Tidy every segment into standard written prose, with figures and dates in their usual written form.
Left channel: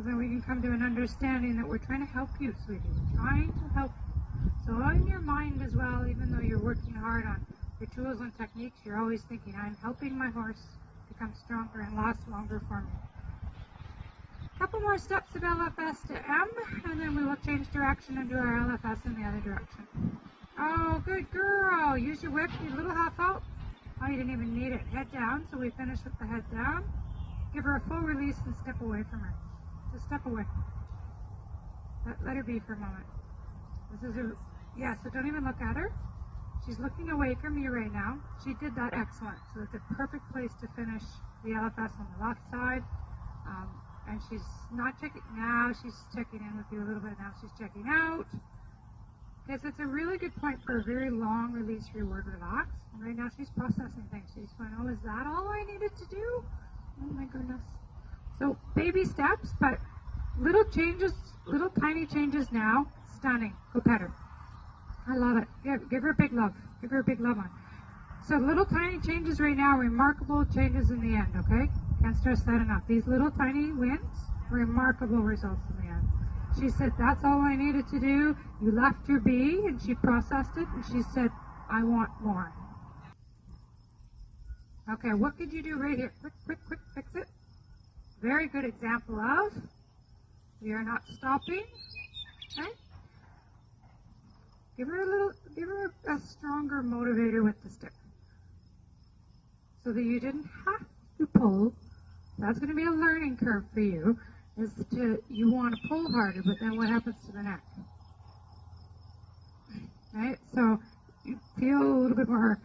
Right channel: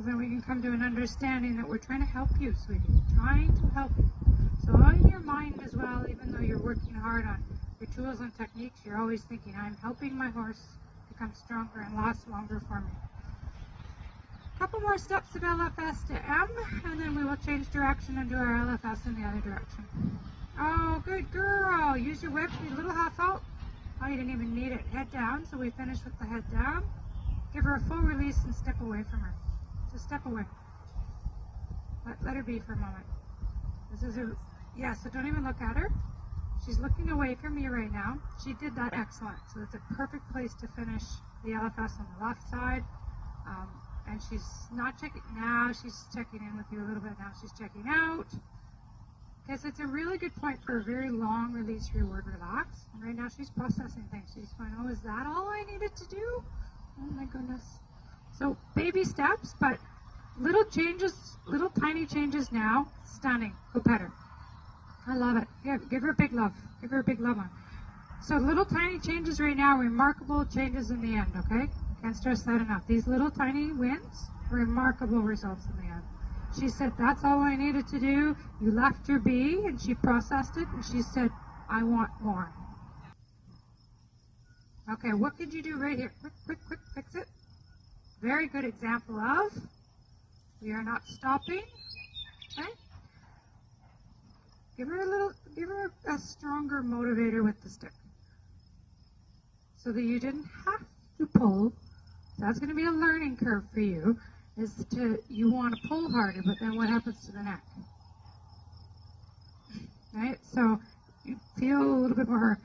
Then we can come to an understanding that we're trying to help you, sweetie. We're trying to help you. So on your mind as well, even though you're working hard on your tools and techniques, you're always thinking, I'm helping my horse become stronger and last longer for me. A couple more steps of LFS to M, and then we will change direction and do our LFS in the other direction. Oh, good girl. Use your whip, your little half out. Oh, you didn't even need it. Head down, so we finish with the head down. Give her a full release and step away from her. Just step away. Let her be for a moment. This is a, yeah, so don't even look at her. She's looking away from you right now. She did that excellent. So it's a perfect place to finish the LFS on the left side. And she's not checking, now she's checking in with you a little bit, now she's checking out. Okay, so it's a really good point for a very long release, reward, relax. And right now she's processing things. She's going, oh, is that all I needed to do? Oh my goodness. So baby steps, but little changes, little tiny changes now. Stunning. Go pet her. I love it. Give her a big love. Give her a big love on. So little tiny changes right now, remarkable changes in the end, okay? Can't stress that enough. These little tiny wins, remarkable results in the end. She said, that's all I needed to do. You left her be, and she processed it, and she said, I want more. Okay, what could you do right here? Quick, quick, quick, fix it. Very good example of, we are not stopping, okay? Give her a stronger motivator with the stick. So that you didn't have to pull. That's going to be a learning curve for you, you want to pull harder, but then what happens to the neck? Right, so you feel a little bit more,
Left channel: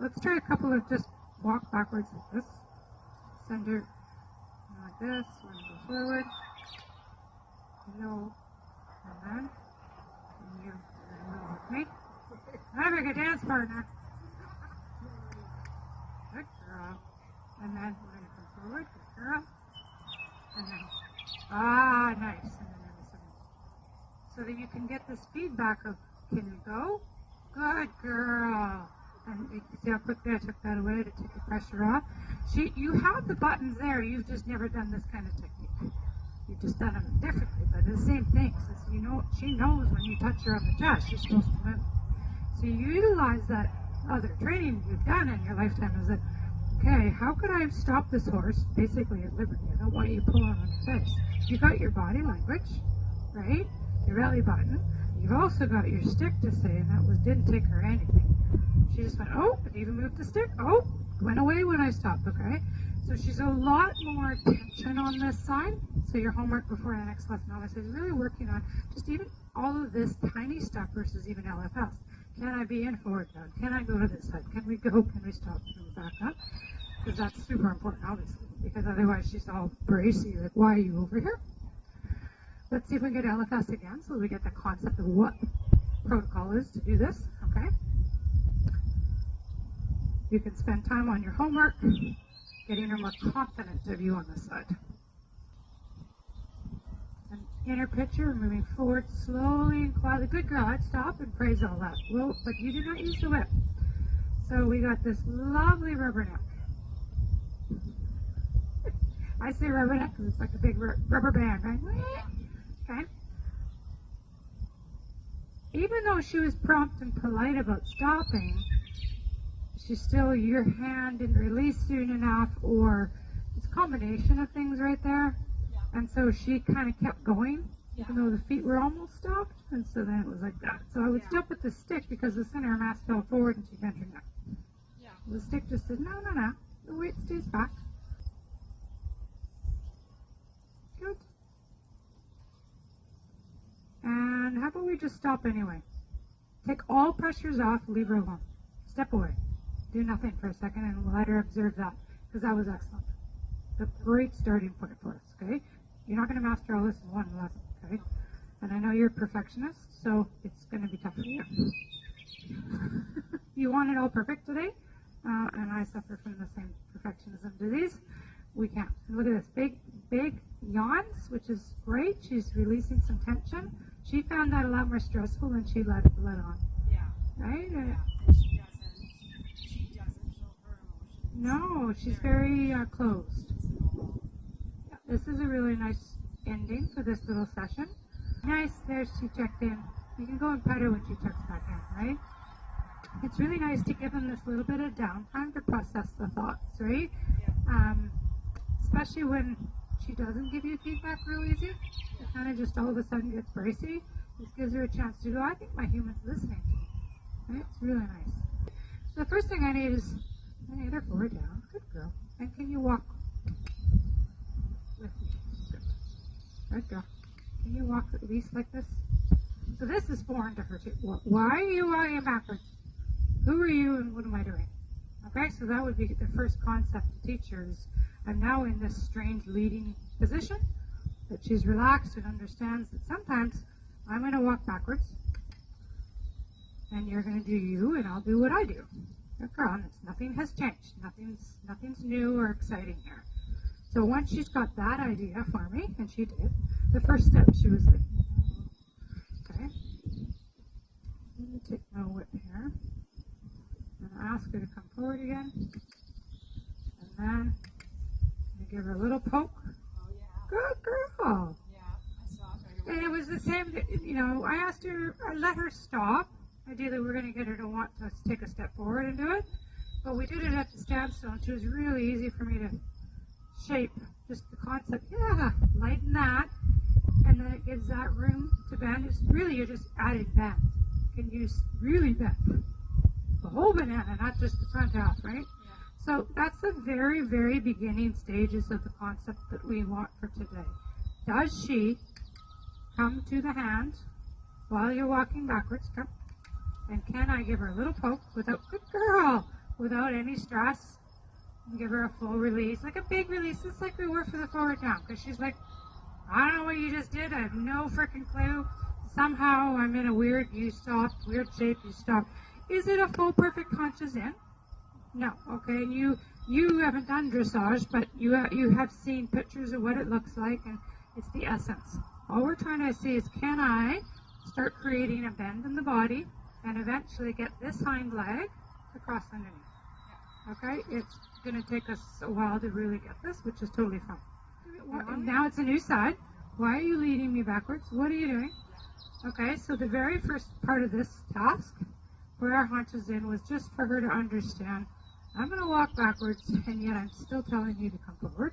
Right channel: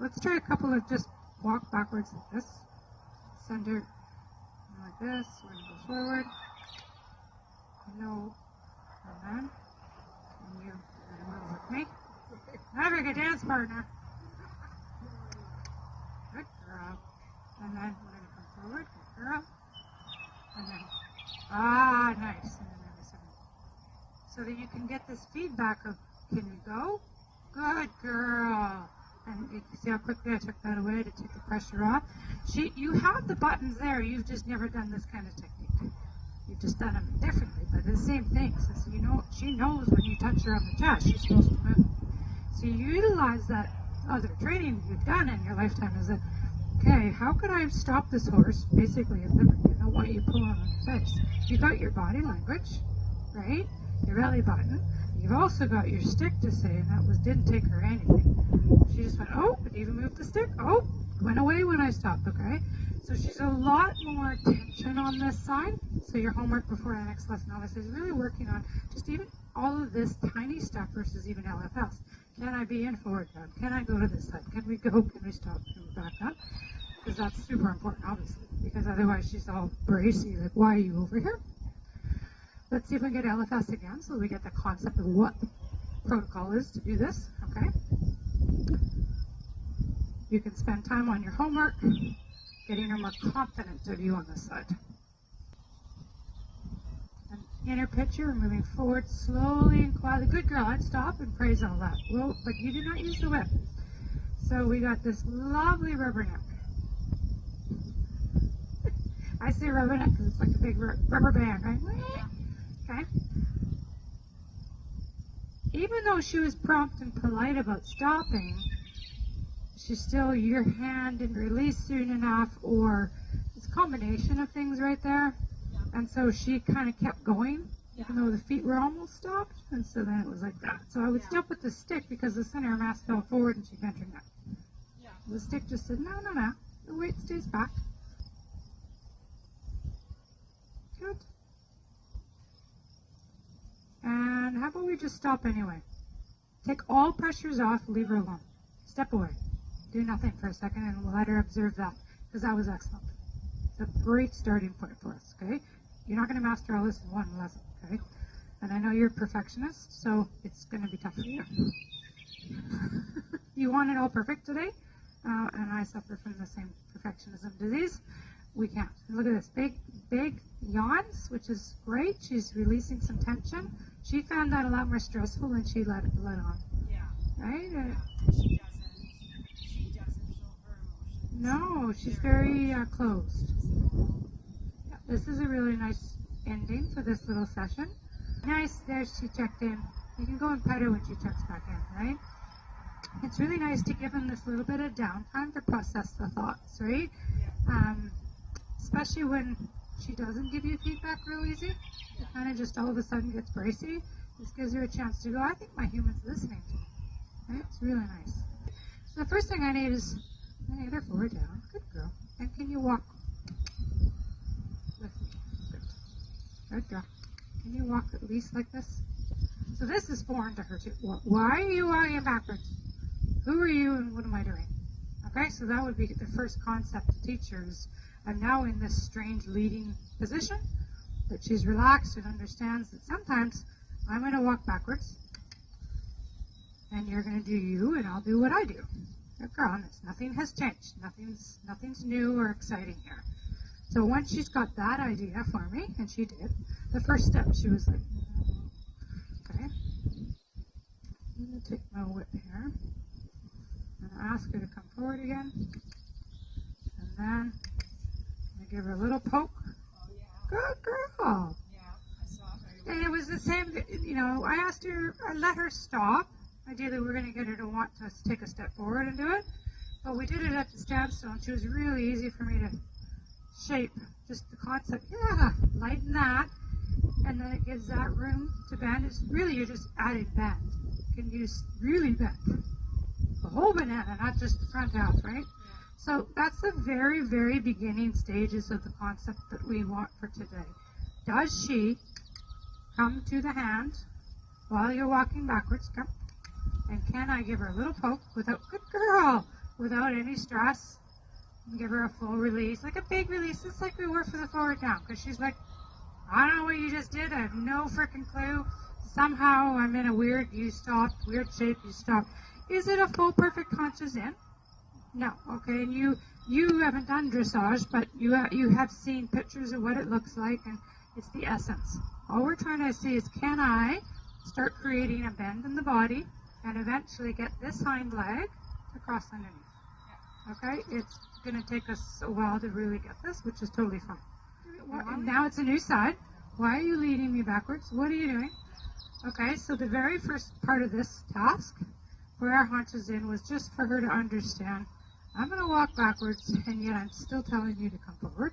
let's try a couple of just walk backwards like this, send her like this, we're going to go forward, hello, and then, and you with me, I'm like a dance partner, good girl, and then we're going to come forward, good girl, and then, nice, and then so that you can get this feedback of, can you go? Good girl. And you see how quickly I took that away to take the pressure off. You have the buttons there, you've just never done this kind of technique. You've just done them differently, but the same thing. So you know, she knows when you touch her on the chest, she's supposed to move. So you utilize that other training you've done in your lifetime is that, okay, how could I stop this horse, basically at liberty? How about you pull on the face? You got your body language, right? Your belly button. You've also got your stick to say, and that didn't take her anything. She just went, oh, but even moved the stick. Oh, went away when I stopped, okay? So she's a lot more tension on this side. So your homework before the next lesson, novice is really working on just even all of this tiny stuff versus even LFS. Can I be in forward now? Can I go to this side? Can we go? Can we stop? Can we back up? Because that's super important, obviously. Because otherwise she's all bracy, like, why are you over here? Let's see if we can get LFS again, so we get the concept of what protocol is to do this, okay? You can spend time on your homework, getting her more confident of you on this side. And inner picture, moving forward slowly and quietly. Good girl, I'd stop and praise all that. Well, but you did not use the whip. So we got this lovely rubber neck. I say rubber neck because it's like a big rubber band, right? Okay. Even though she was prompt and polite about stopping, she's still, your hand didn't release soon enough, or it's a combination of things right there. Yeah. And so she kind of kept going, even though the feet were almost stopped, and so then it was like that. So I would stop with the stick because the center mass fell forward and she bent her neck. Yeah. The stick just said, no, the weight stays back. Good. And how about we just stop anyway? Take all pressures off, leave her alone. Step away. Do nothing for a second and let her observe that, because that was excellent. It's a great starting point for us, okay? You're not going to master all this in one lesson, okay? And I know you're a perfectionist, so it's going to be tough for you. You want it all perfect today, and I suffer from the same perfectionism disease. We can't. Look at this, big yawns, which is great. She's releasing some tension. She found that a lot more stressful than she let on. Yeah. Right? Yeah. She doesn't show her emotions. No, she's very closed. Yeah, this is a really nice ending for this little session. Nice, there she checked in. You can go and pet her when she checks back in, right? It's really nice to give them this little bit of downtime to process the thoughts, right? Especially when she doesn't give you feedback real easy. It kind of just all of a sudden gets bracy. This gives her a chance to go, I think my human's listening to me. Right? It's really nice. So the first thing I need is either forward down. Good girl. And can you walk with me? Good girl. Can you walk at least like this? So this is foreign to her too. Why are you walking backwards? Who are you and what am I doing? Okay, so that would be the first concept to teach her is I'm now in this strange leading position, but she's relaxed and understands that sometimes I'm going to walk backwards and you're going to do you and I'll do what I do. Nothing has changed. Nothing's new or exciting here. So once she's got that idea for me, and she did, the first step she was like, okay, let me take my whip here. And I ask her to come forward again. And then I give her a little poke. Oh, yeah. Good girl. Yeah, I saw it right away. And it was the same, I asked her, I let her stop. Ideally, we're going to get her to want to take a step forward and do it. But we did it at the standstill, which was really easy for me to shape just the concept. Yeah, lighten that. And then it gives that room to bend. It's really, you're just adding bend. You can use really bend. The whole banana, not just the front half, right? Yeah. So that's the very, very beginning stages of the concept that we want for today. Does she come to the hand while you're walking backwards? Come. And can I give her a little poke without, good girl, without any stress? And give her a full release, like a big release, just like we were for the forward down. Because she's like, I don't know what you just did. I have no freaking clue. Somehow I'm in a weird, you stop, weird shape, you stop. Is it a full perfect conscious in? No. Okay, and you haven't done dressage, but you have seen pictures of what it looks like, and it's the essence. All we're trying to see is, can I start creating a bend in the body and eventually get this hind leg to cross underneath? Okay, it's going to take us a while to really get this, which is totally fine. And now it's a new side. Why are you leading me backwards? What are you doing? Okay, so the very first part of this task, where our haunches in, was just for her to understand, I'm going to walk backwards, and yet I'm still telling you to come forward.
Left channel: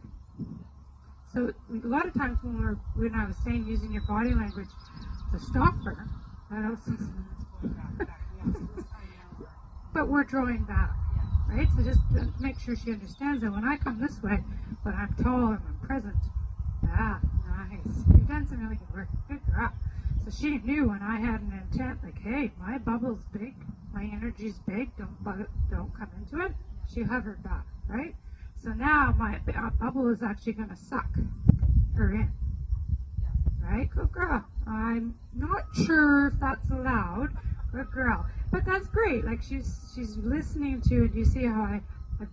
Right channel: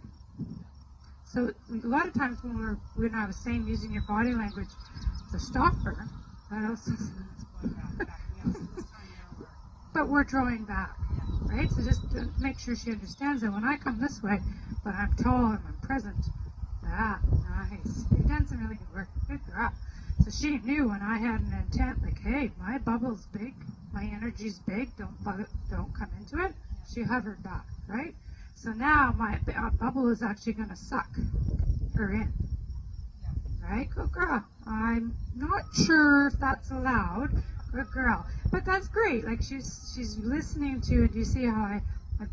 So a lot of times when we're not saying using your body language to stop her, but we're drawing back, right? So just to make sure she understands that when I come this way, but I'm tall and I'm present. Ah, nice. You've done some really good work. Good girl. So she knew when I had an intent, like, hey, my bubble's big, my energy's big, don't come into it. She hovered back, right? So now my bubble is actually going to suck her in. Right? Good girl. I'm not sure if that's allowed. Good girl. But that's great. Like she's listening to it. You see how I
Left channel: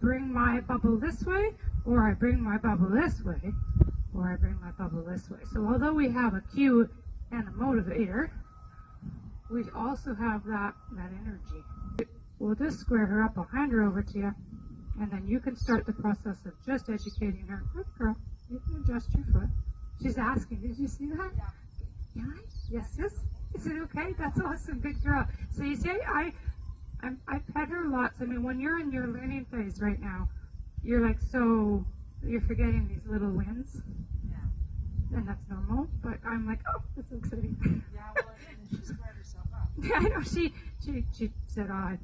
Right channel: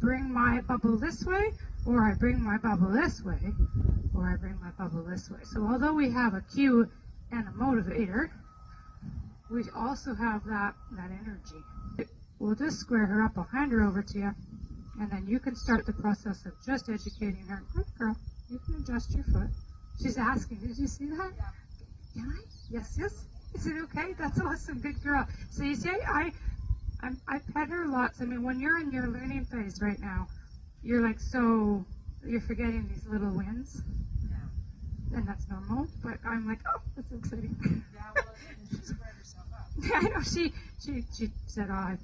bring my bubble this way, or I bring my bubble this way, or I bring my bubble this way. So although we have a cue and a motivator, we also have that energy. We'll just square her up behind her over to you, and then you can start the process of just educating her. Good girl. You can adjust your foot. She's asking, did you see that? Yeah. Can I? Yes, yes. Is it okay? That's awesome. Good girl. So you see, I pet her lots. I mean, when you're in your learning phase right now, you're like, so you're forgetting these little wins. Yeah. And that's normal. But I'm like, oh, that's exciting. Yeah, well, it is, and she spread herself up. I know. She said, oh, I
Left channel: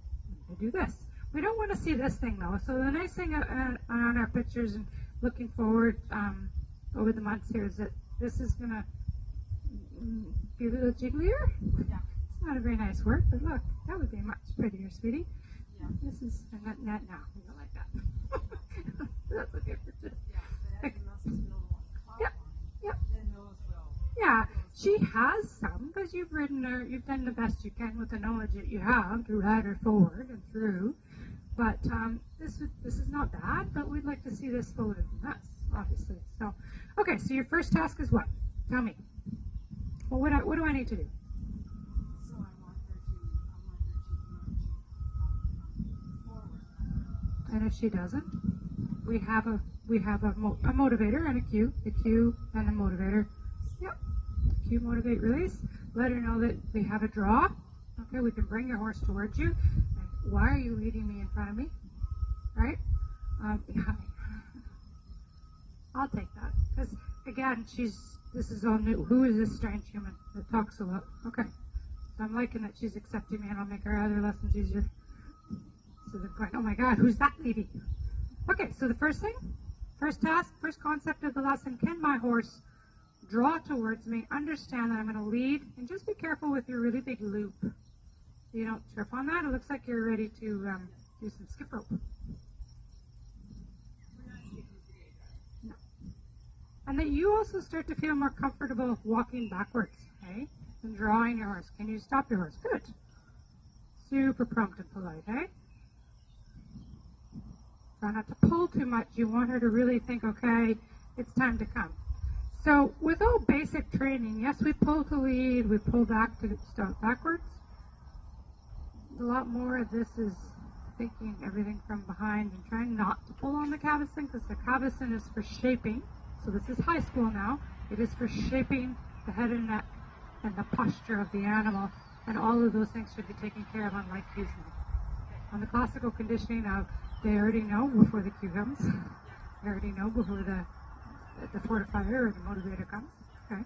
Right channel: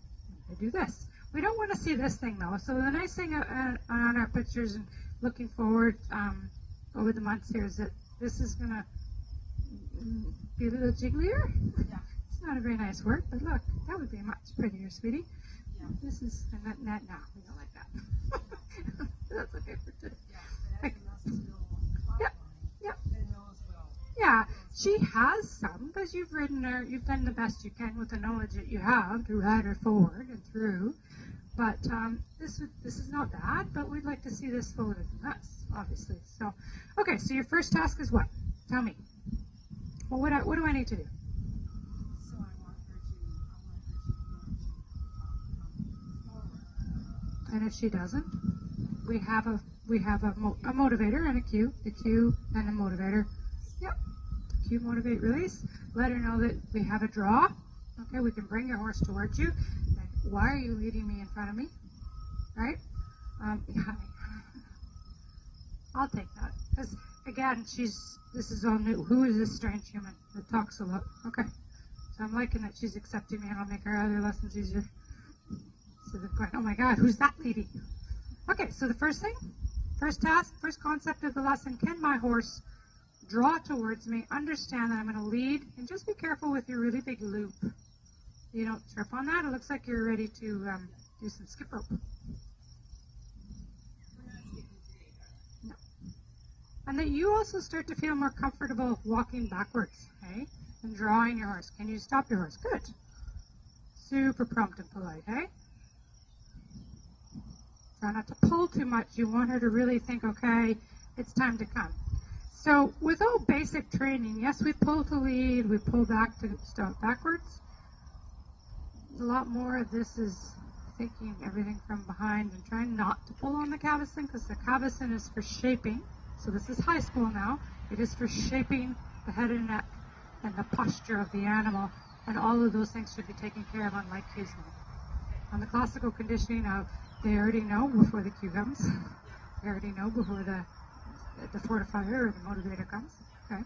do this. We don't want to see this thing, though. So the nice thing on our pictures and looking forward over the months here is that this is going to be a little jigglier. Yeah. It's not a very nice word, but look, that would be much prettier, sweetie. Yeah. This is not we don't like that. That's okay. Yeah, but everything else is still on the top line. Then those will. Yeah, she has some, but you've ridden her, you've done the best you can with the knowledge that you have to ride her forward and through. But this is not bad, but we'd like to see this forward from us, obviously. So, okay, so your first task is what? Tell me. Well, what do I need to do? So I want her to learn to come forward. And if she doesn't, we have a motivator and a cue and a motivator cue, motivate, release. Let her know that we have a draw. Okay, we can bring your horse towards you. And why are you leading me in front of me? Right? I'll take that. Because again, this is only, who is this strange human that talks a lot? Okay. So I'm liking that she's accepting me and I'll make her other lessons easier. So oh my God, who's that lady? Okay, so the first thing, first task, first concept of the lesson, can my horse draw towards me, understand that I'm going to lead, and just be careful with your really big loop. You don't trip on that. It looks like you're ready to do some skip rope. No. And that you also start to feel more comfortable walking backwards, okay? And drawing your horse. Can you stop your horse? Good. Super prompt and polite, hey? Try not to pull too much. You want her to really think, okay, it's time to come. So with all basic training, yes, we pull to lead, we pull back to stop backwards. A lot more of this is thinking everything from behind and trying not to pull on the cavesson, because the cavesson is for shaping. So this is high school now. It is for shaping the head and neck and the posture of the animal, and all of those things should be taken care of on leg cues now. On the classical conditioning of, they already know before the cue comes. They already know before the fortifier or the motivator comes. Okay.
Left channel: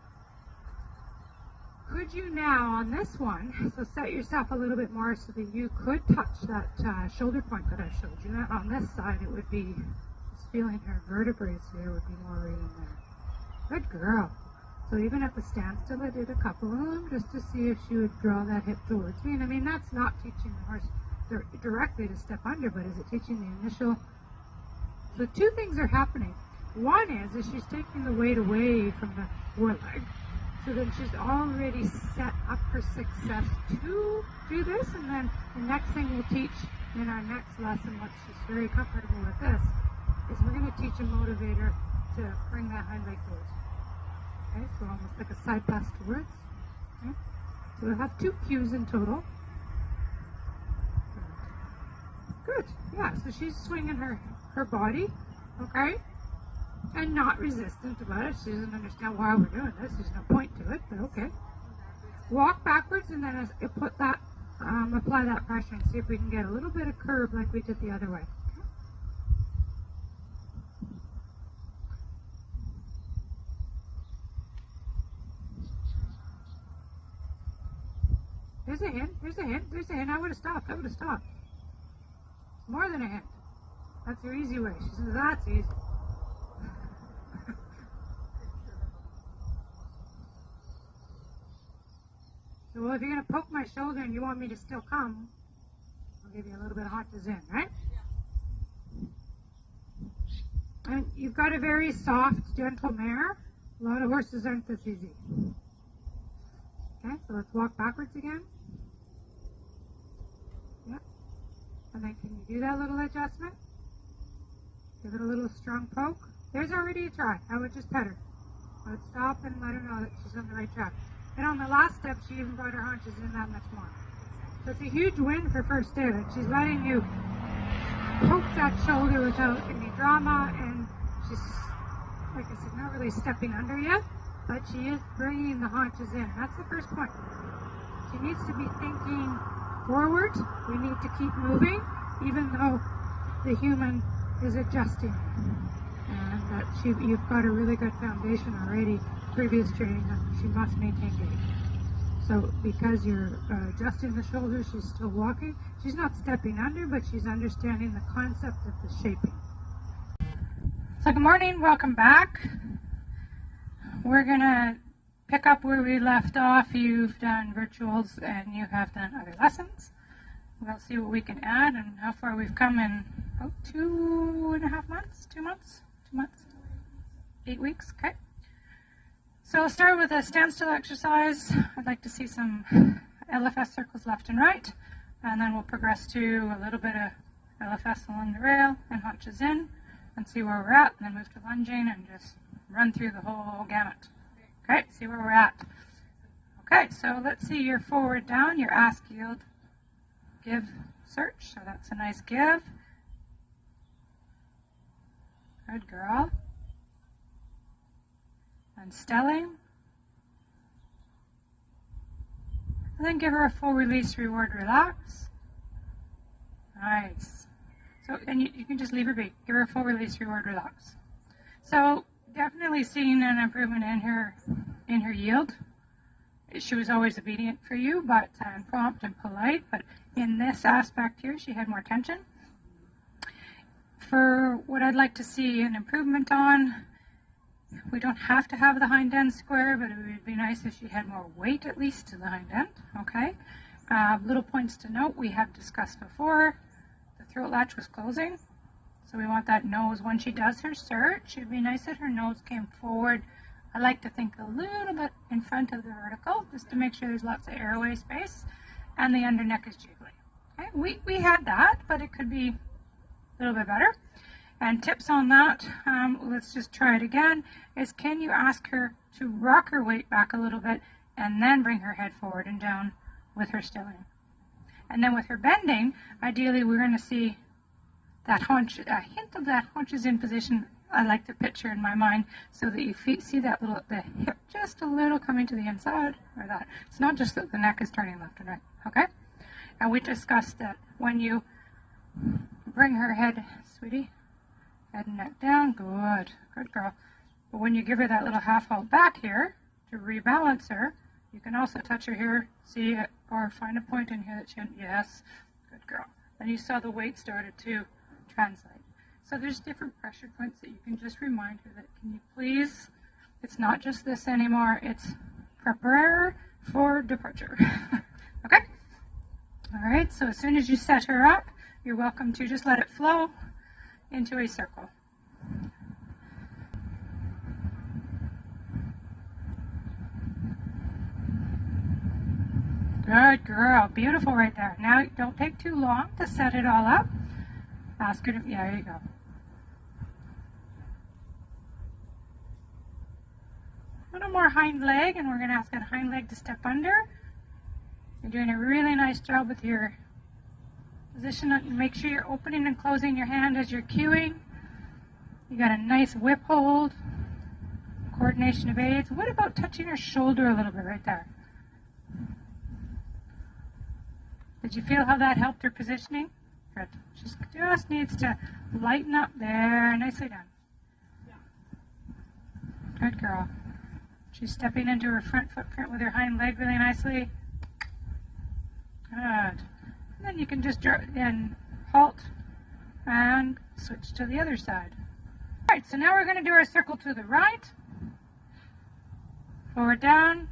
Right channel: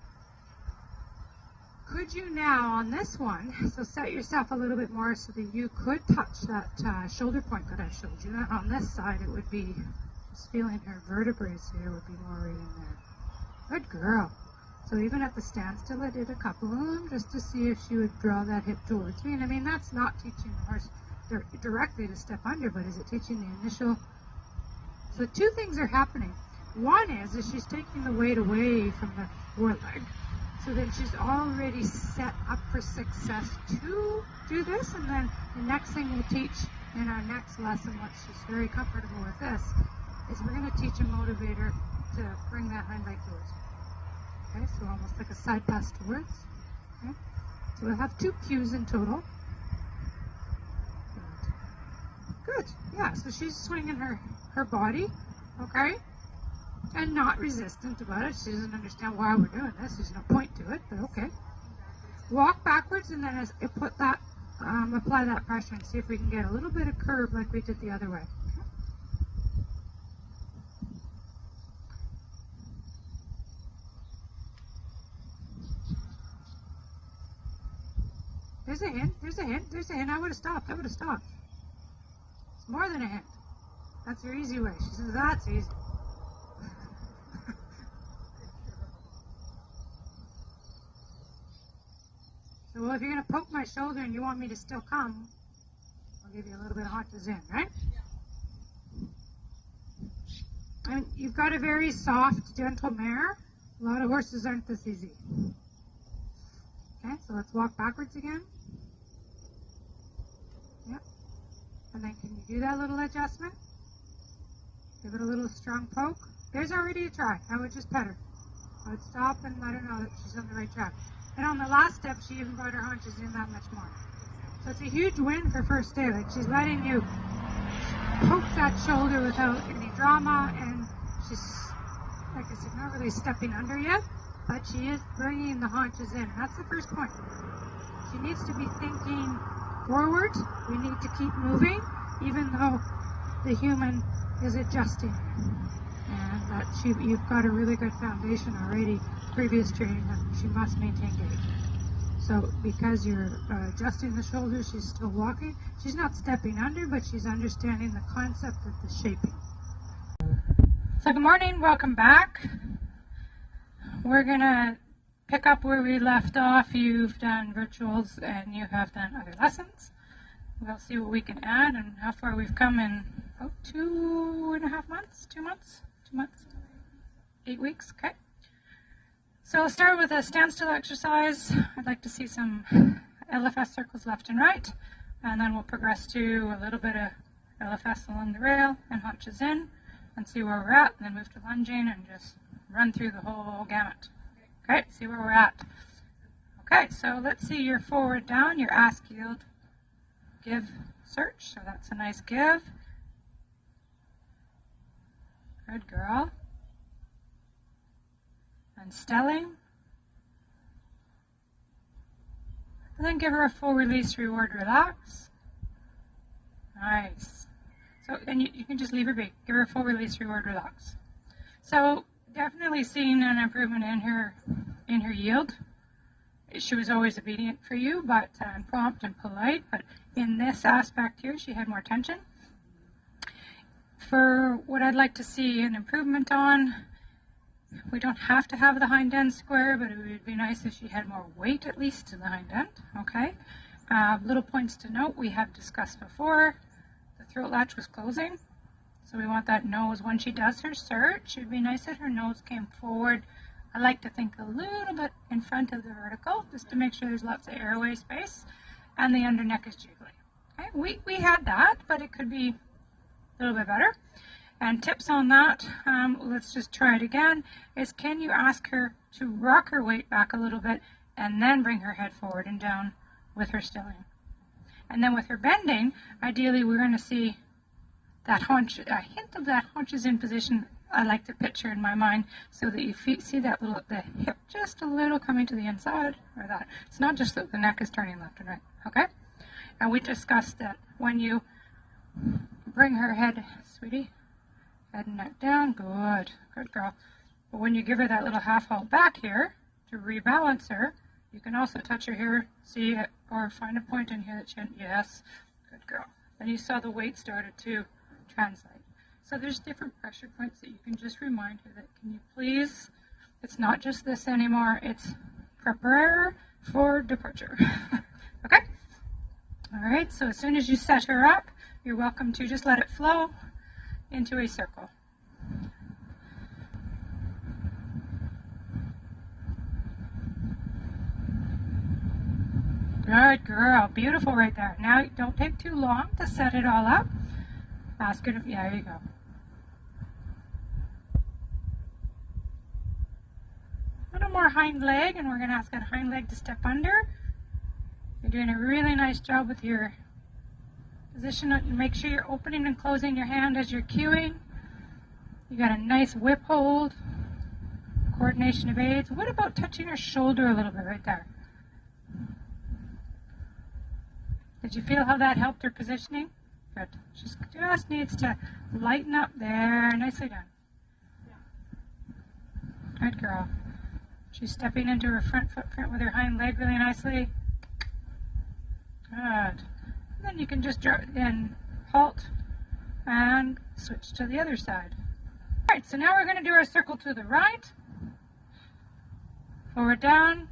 Could you now, on this one, so set yourself a little bit more so that you could touch that shoulder point that I showed you. On this side, it would be just feeling her vertebrae here would be more right in there. Good girl. So even at the standstill, I did a couple of them just to see if she would draw that hip towards me. And I mean, that's not teaching the horse directly to step under, but is it teaching the initial? So two things are happening. One is she's taking the weight away from the foreleg, so then she's already set up for success to do this. And then the next thing we'll teach in our next lesson, once she's very comfortable with this, is we're going to teach a motivator to bring that hind leg towards. Okay, so almost like a side pass towards. Okay. So we'll have 2 cues in total. Good. Yeah, so she's swinging her body, okay, and not resistant about it. She doesn't understand why we're doing this. There's no point to it, but okay. Walk backwards and then apply that pressure and see if we can get a little bit of curve like we did the other way. There's a hint, there's a hint, there's a hint. I would have stopped, It's more than a hint. That's your easy way. She says, that's easy. So if you're going to poke my shoulder and you want me to still come, I'll give you a little bit of haunches in, right? Yeah. And you've got a very soft, gentle mare. A lot of horses aren't this easy. Okay, so let's walk backwards again. Yep. And then can you do that little adjustment? Give it a little strong poke. There's already a try. Now we'll just pet her. Let's stop and let her know that she's on the right track. And on the last step, she even brought her haunches in that much more. So it's a huge win for first day. That she's letting you poke that shoulder without any drama, and she's, like I said, not really stepping under yet, but she is bringing the haunches in. That's the first point. She needs to be thinking forward. We need to keep moving, even though the human is adjusting. And that you've got a really good foundation already, previous training, that she must maintain gait. So because you're adjusting the shoulder, she's still walking. She's not stepping under, but she's understanding the concept of the shaping. So good morning, welcome back. We're gonna pick up where we left off. You've done virtuals and you have done other lessons. We'll see what we can add and how far we've come in 2.5 months, 2 months, 8 weeks, okay. So we'll start with a standstill exercise. I'd like to see some LFS circles left and right, and then we'll progress to a little bit of LFS along the rail and haunches in and see where we're at, and then move to lunging and just run through the whole gamut. Okay, see where we're at. Okay, so let's see your forward down, your ask, yield, give, search. So that's a nice give. Good girl. And stelling. And then give her a full release, reward, relax. Nice. So then you can just leave her be. Give her a full release, reward, relax. So definitely seeing an improvement in her yield. She was always obedient for you, but prompt and polite. But in this aspect here, she had more tension. For what I'd like to see an improvement on, we don't have to have the hind end square, but it would be nice if she had more weight at least in the hind end. Okay. Little points to note we have discussed before. The throat latch was closing, so we want that nose when she does her search. It would be nice if her nose came forward. I like to think a little bit in front of the vertical, just to make sure there's lots of airway space, and the under neck is jiggly. Okay, we had that, but it could be a little bit better. And tips on that, let's just try it again, is can you ask her to rock her weight back a little bit and then bring her head forward and down with her stilling. And then with her bending, ideally we're going to see that haunch, a hint of that haunch is in position. I like to picture in my mind so that you see that little, the hip just a little coming to the inside, or that. It's not just that the neck is turning left and right, okay? And we discussed that when you bring her head, sweetie, head and neck down, good girl. But when you give her that little half out back here to rebalance her, you can also touch her here, see it, or find a point in here that she, yes, good girl. And you saw the weight started to translate. So there's different pressure points that you can just remind her that, can you please, it's not just this anymore, it's prepare for departure. Okay? All right, so as soon as you set her up, you're welcome to just let it flow into a circle. Good girl, beautiful right there. Now don't take too long to set it all up. Ask her to, yeah, there you go. A little more hind leg, and we're going to ask that hind leg to step under. You're doing a really nice job with your position. Make sure you're opening and closing your hand as you're cueing. You got a nice whip hold. Coordination of aids. What about touching her shoulder a little bit right there? Did you feel how that helped her positioning? Good. She just needs to lighten up there. Nicely done. Good girl. She's stepping into her front footprint with her hind leg really nicely. Good. And then you can just then halt and switch to the other side. All right, so now we're going to do our circle to the right. Forward down.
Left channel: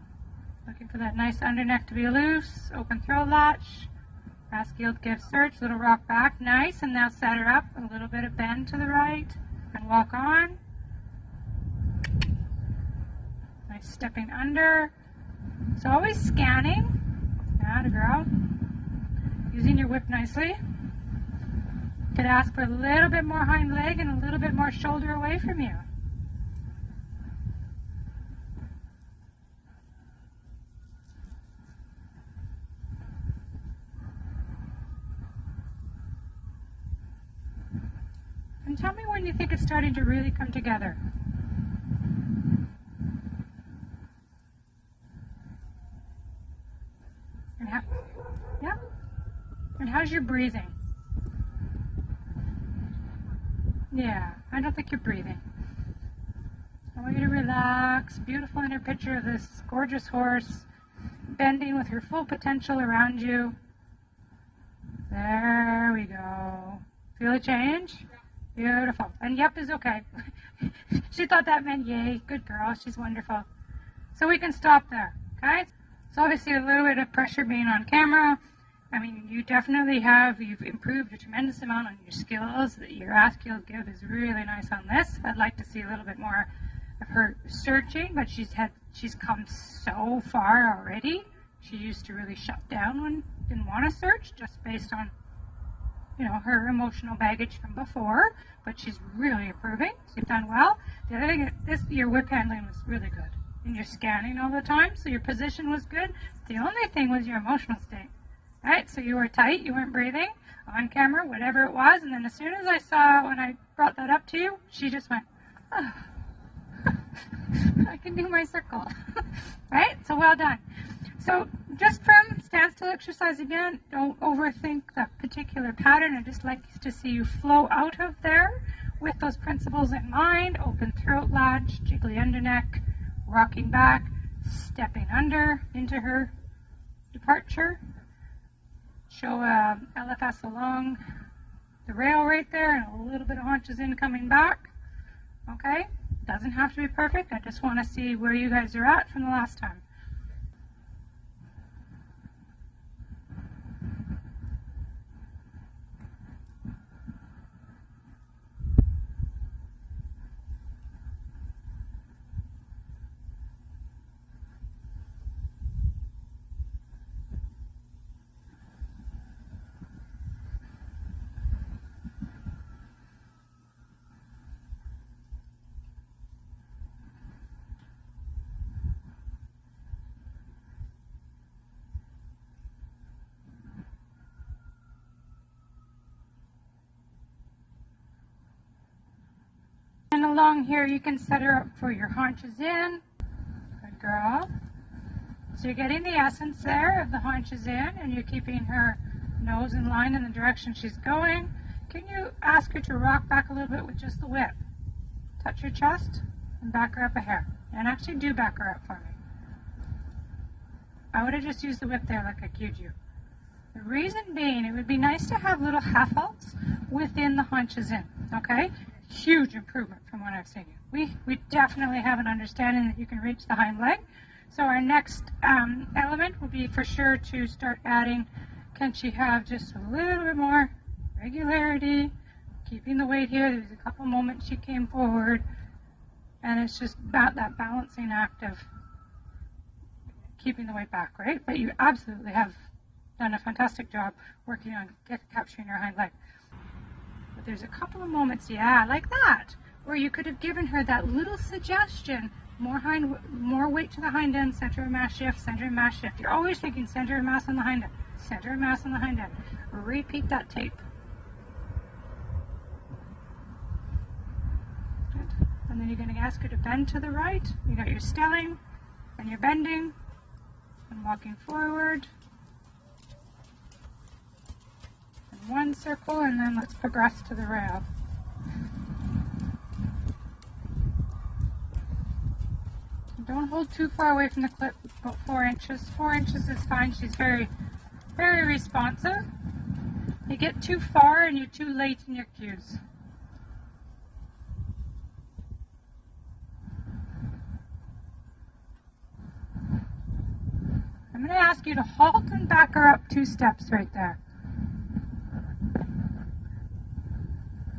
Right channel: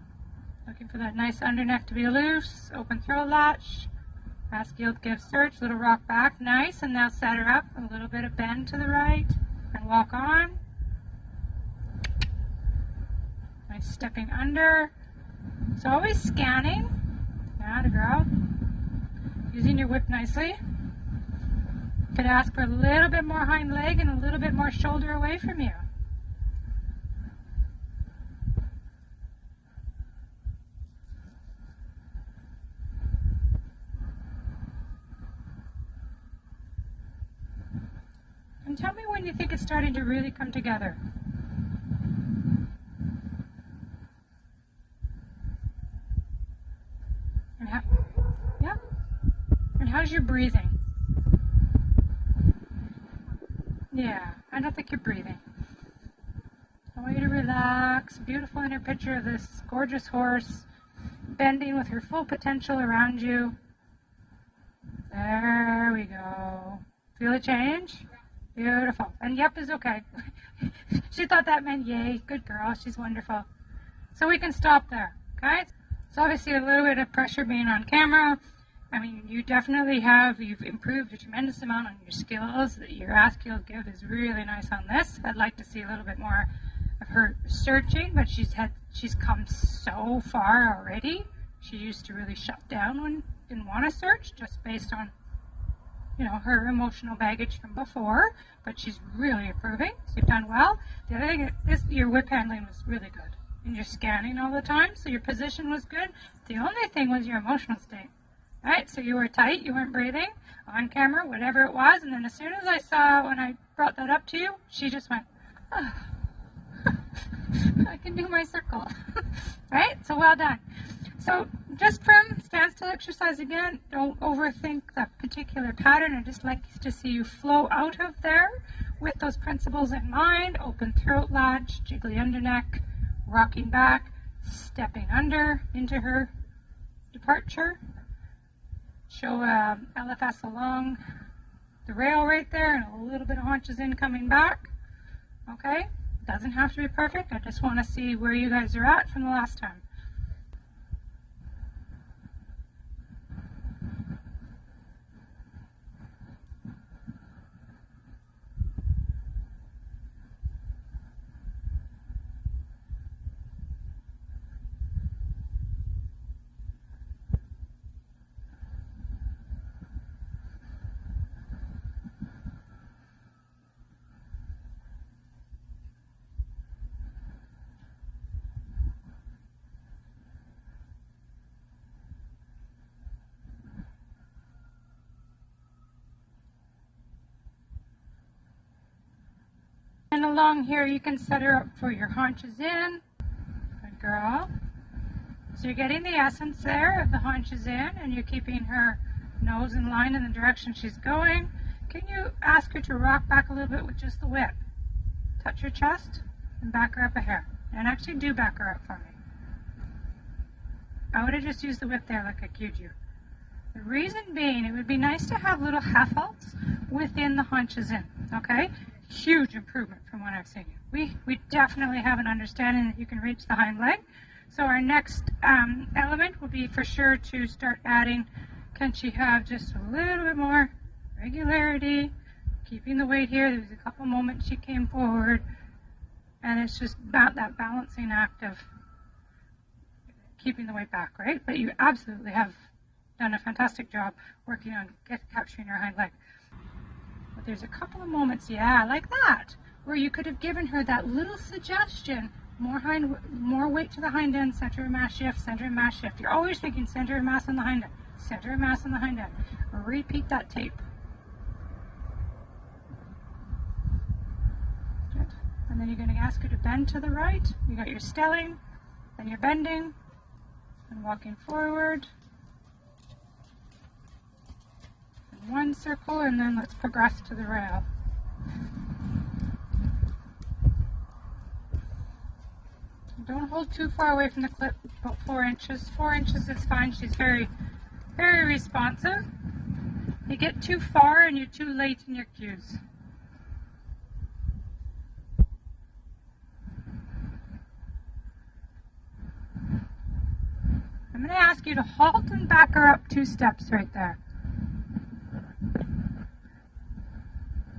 Looking for that nice under neck to be loose. Open throat latch. Ask yield, give, search. Little rock back. Nice. And now set her up. A little bit of bend to the right. And walk on. Nice stepping under. So always scanning. Atta girl. Using your whip nicely. You could ask for a little bit more hind leg and a little bit more shoulder away from you. And tell me when you think it's starting to really come together. Yeah. And how's your breathing? Yeah, I don't think you're breathing. I want you to relax. Beautiful inner picture of this gorgeous horse bending with her full potential around you. There we go. Feel a change? Beautiful. And yep is okay. She thought that meant yay. Good girl. She's wonderful. So we can stop there. Okay? So obviously a little bit of pressure being on camera. I mean, you definitely you've improved a tremendous amount on your skills. Your ask, yield, give is really nice on this. I'd like to see a little bit more of her searching, but she's come so far already. She used to really shut down when didn't want to search, just based on her emotional baggage from before, but she's really improving. So you've done well. The other thing is your whip handling was really good. And you're scanning all the time, so your position was good. The only thing was your emotional state. Right? So you were tight, you weren't breathing, on camera, whatever it was, and then as soon as I saw when I brought that up to you, she just went, oh, I can do my circle. Right? So well done. So just from standstill exercise again, don't overthink that particular pattern. I just like to see you flow out of there with those principles in mind. Open throat latch, jiggly under neck, rocking back, stepping under into her departure. Show LFS along the rail right there and a little bit of haunches in coming back. Okay, doesn't have to be perfect. I just want to see where you guys are at from the last time. And along here you can set her up for your haunches in. Good girl. So you're getting the essence there of the haunches in, and you're keeping her nose in line in the direction she's going. Can you ask her to rock back a little bit with just the whip? Touch her chest and back her up a hair. And actually do back her up for me. I would have just used the whip there like I cued you. The reason being, it would be nice to have little half halts within the haunches in, okay? Huge improvement from what I've seen. We definitely have an understanding that you can reach the hind leg. So our next element will be for sure to start adding, can she have just a little bit more regularity, keeping the weight here. There was a couple moments she came forward, and it's just about that balancing act of keeping the weight back, right? But you absolutely have done a fantastic job working on capturing her hind leg. But there's a couple of moments, yeah, like that, where you could have given her that little suggestion, more weight to the hind end, center of mass shift, center of mass shift. You're always thinking center of mass on the hind end, center of mass on the hind end. Repeat that tape. Good. And then you're going to ask her to bend to the right. You got your stelling, then you're bending and walking forward. One circle, and then let's progress to the rail. Don't hold too far away from the clip, about 4 inches. 4 inches is fine. She's very, very responsive. You get too far and you're too late in your cues. I'm going to ask you to halt and back her up 2 steps right there.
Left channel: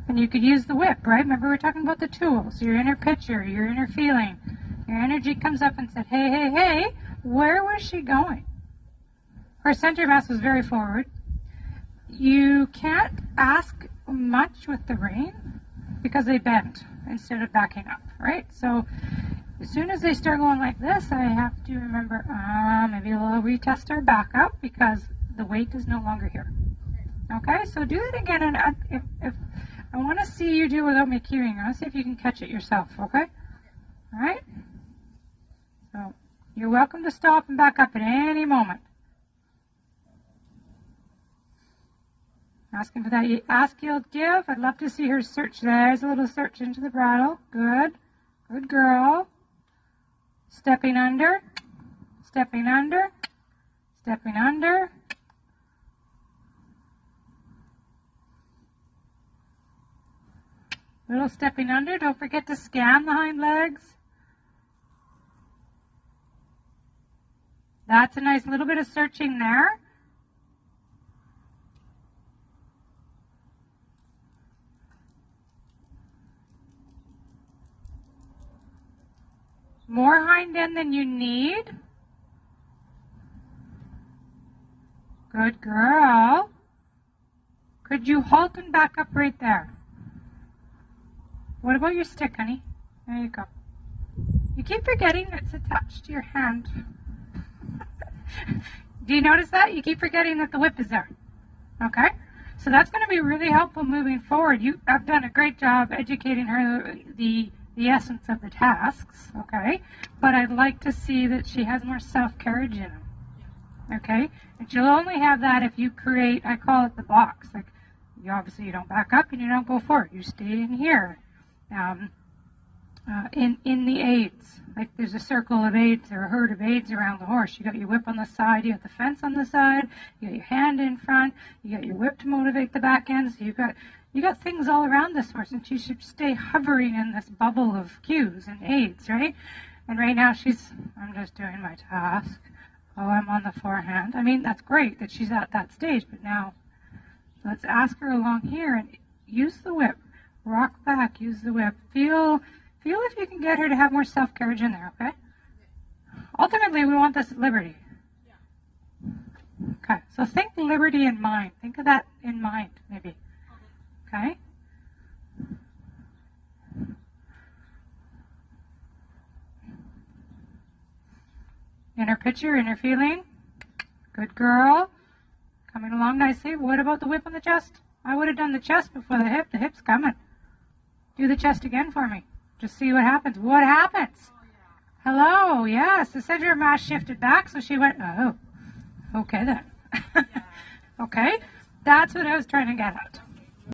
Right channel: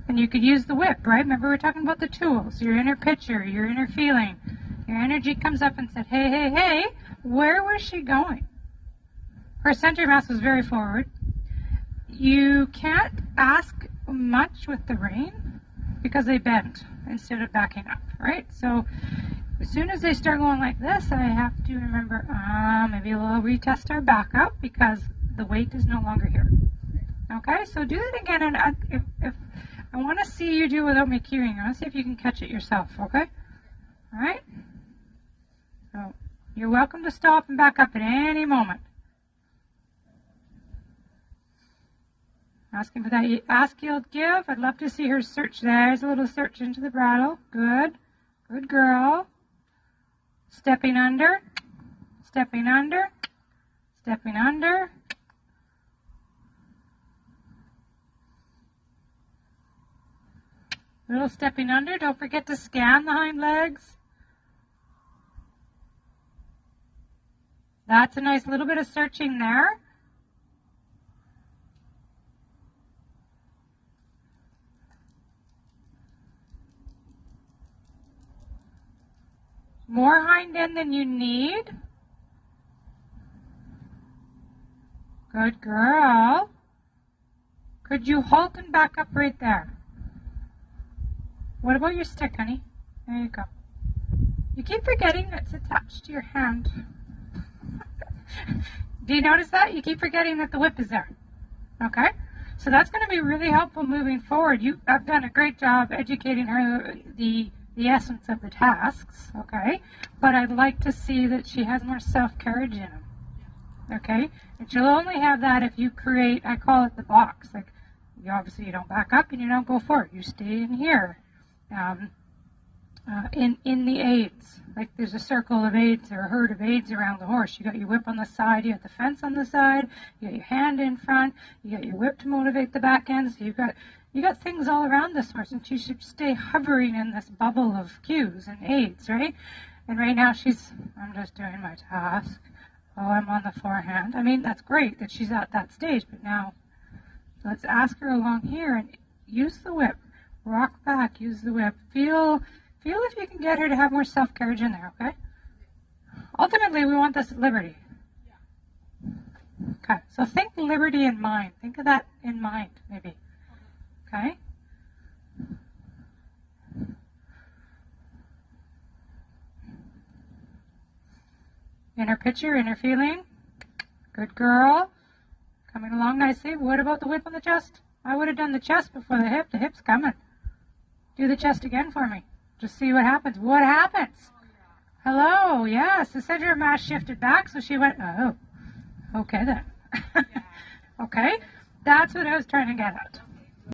And you could use the whip, right? Remember we were talking about the tools, your inner picture, your inner feeling. Your energy comes up and said, hey, hey, hey, where was she going? Her center mass was very forward. You can't ask much with the rein because they bend instead of backing up, right? So as soon as they start going like this, I have to remember, maybe we'll retest our back up because the weight is no longer here. Okay, so do it again, and if I want to see you do it without me cueing. Let's see if you can catch it yourself, okay? All right? So you're welcome to stop and back up at any moment. Asking for that ask, yield, give. I'd love to see her search. There's a little search into the bridle. Good. Good girl. Stepping under. Stepping under. Stepping under. Little stepping under. Don't forget to scan the hind legs. That's a nice little bit of searching there. More hind end than you need. Good girl. Could you halt and back up right there? What about your stick, honey? There you go. You keep forgetting it's attached to your hand. Do you notice that? You keep forgetting that the whip is there. Okay? So that's going to be really helpful moving forward. You have done a great job educating her the essence of the tasks, okay? But I'd like to see that she has more self-carriage in them. Okay, and she'll only have that if you create, I call it the box. Like, obviously you don't back up and you don't go forward. You stay in here. In the aids, like there's a circle of aids or a herd of aids around the horse. You got your whip on the side, you got the fence on the side, you got your hand in front, you got your whip to motivate the back end. So you got things all around this horse, and she should stay hovering in this bubble of cues and aids, right? And right now I'm just doing my task. Oh, I'm on the forehand. I mean, that's great that she's at that stage, but now let's ask her along here and use the whip. Rock back, use the whip. Feel if you can get her to have more self-carriage in there, okay? Ultimately, we want this liberty. Okay, so think liberty in mind. Think of that in mind, maybe. Okay? Inner picture, inner feeling. Good girl. Coming along nicely. What about the whip on the chest? I would have done the chest before the hip. The hip's coming. Do the chest again for me. Just see what happens. What happens? Oh, yeah. Hello. Yes. The center of mass shifted back, so she went, oh. Okay then. Yeah. Okay? That's what I was trying to get at.